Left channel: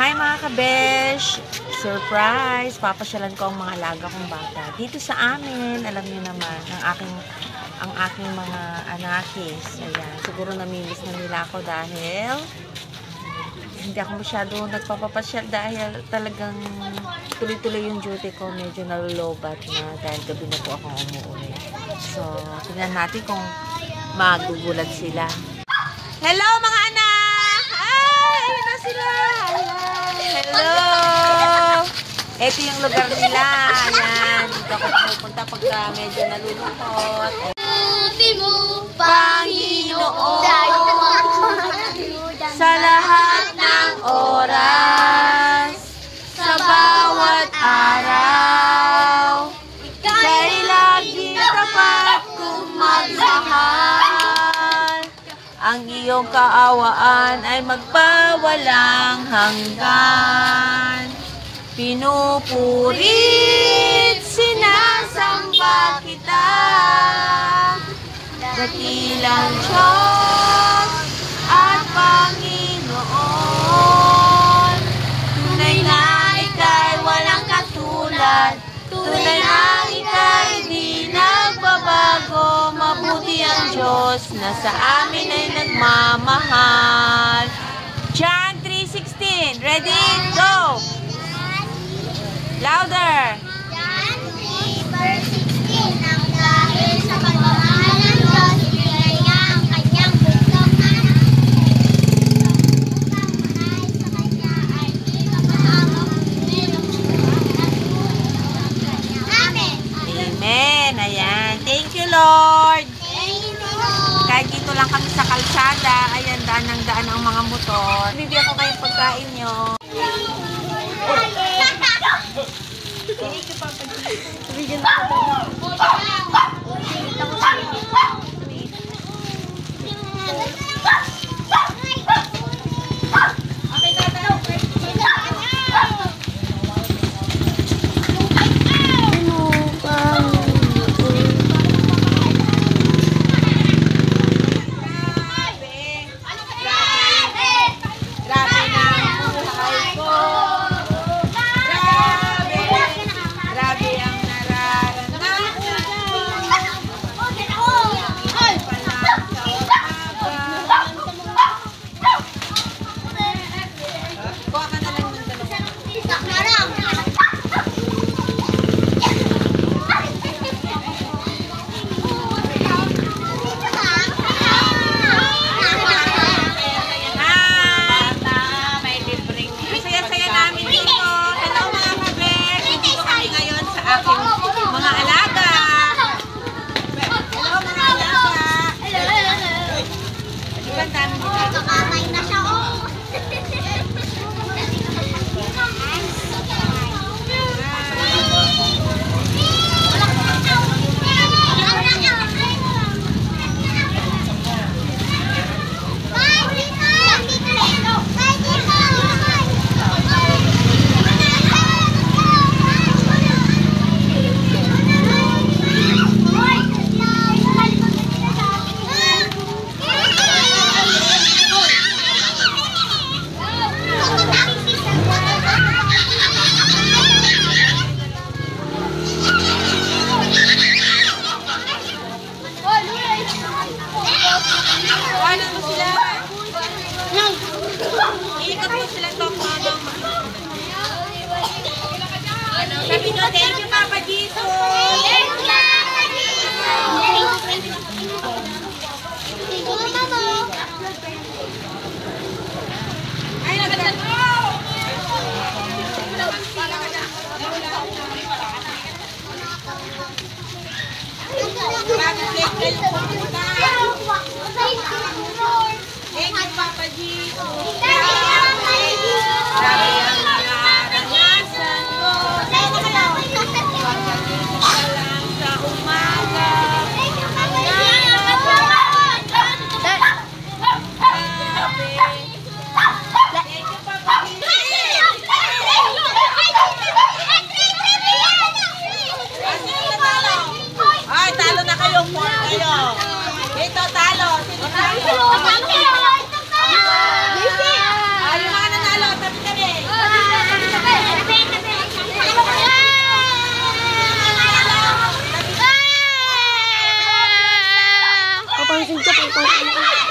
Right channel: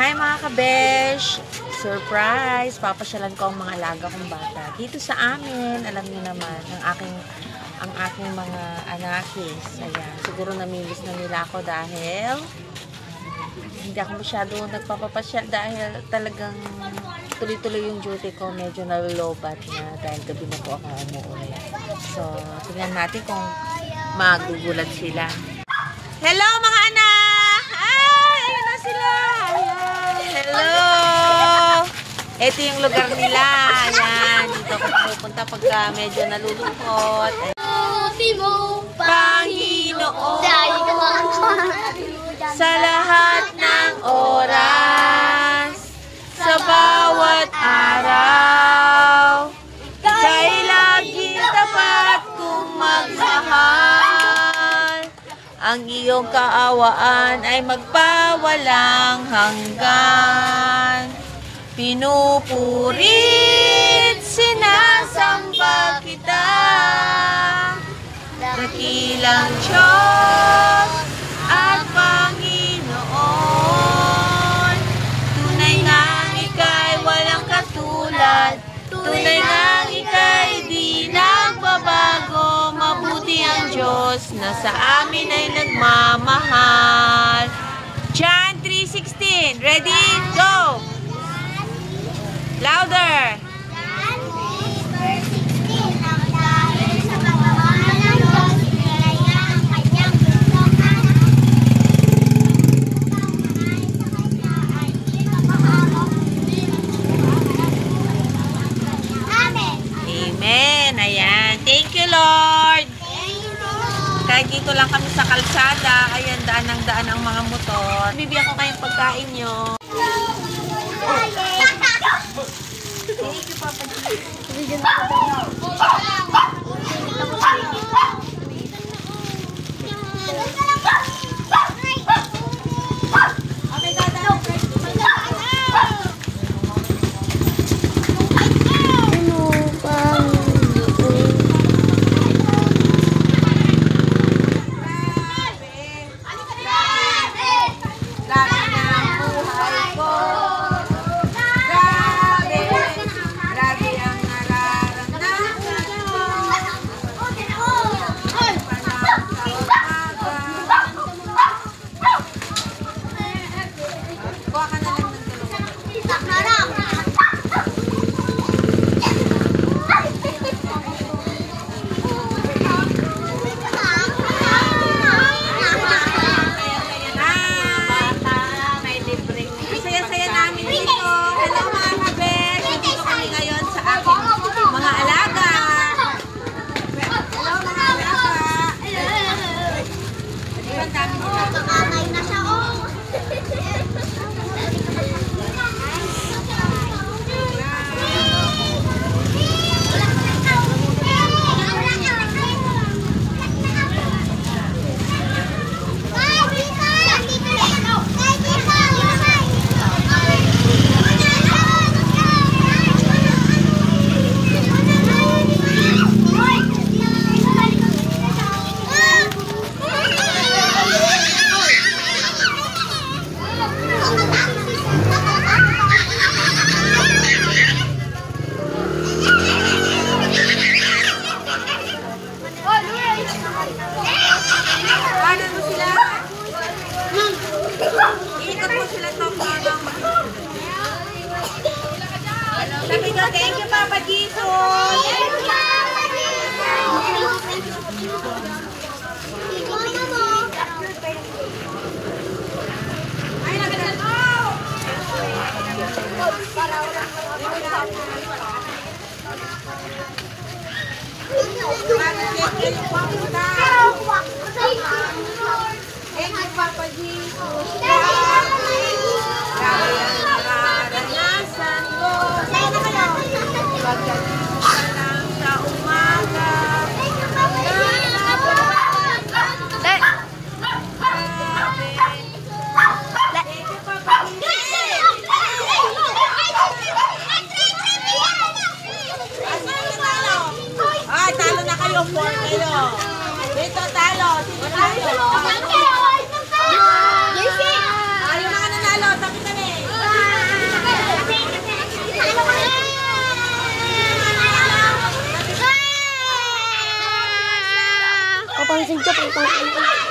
Hi mga kabesh! Surprise! Papasyalan ko ang mga alaga kong bata. Dito sa amin, alam niyo naman, ang aking mga anakis. Ayan, siguro namimiss na nila ako dahil hindi ako masyado nagpapapasyal dahil talagang tuloy-tuloy yung duty ko. Medyo nalulobat na dahil gabi na po ako umuwi. So, tingnan natin kung magugulat sila. Hello mga anak! Ay, ayun na sila! Ayan. Hello! Ito yung lugar nila. Ayan, dito ako pupunta pagka medyo nalulungkot. Panginoon, sa lahat ng oras, sa bawat araw, kay laging tapat kong magmahal. Ang iyong kaawaan ay magpawalang hanggan. Pinupurit, sinasamba kita, dakilang Diyos at Panginoon. Tunay nga ika'y walang katulad, tunay nga ika'y di nagbabago. Mabuti ang Diyos na sa amin ay nagmamahal. John 3:16. Ready? Go! Louder! John 3:16. Ang dahil sa pagmamahal ng Diyos, ibigay niya ang kanyang bunsong anak. Pagmamahal sa kanya ay hindi mapahawak. Amen. Amen. Ayan. Thank you, Lord. Thank you, Lord. Kahit dito lang kami sa kalsada, ayan, daan ng daan ang mga motor. Bibigyan ko kayong pagkain nyo. Thank you, Papa. Bibigyan ko. Thank you, Papa Jesus. Thank you, Papa Ito, talo. Talo. Yung mga nanalo, sabi kami. Pasensya po.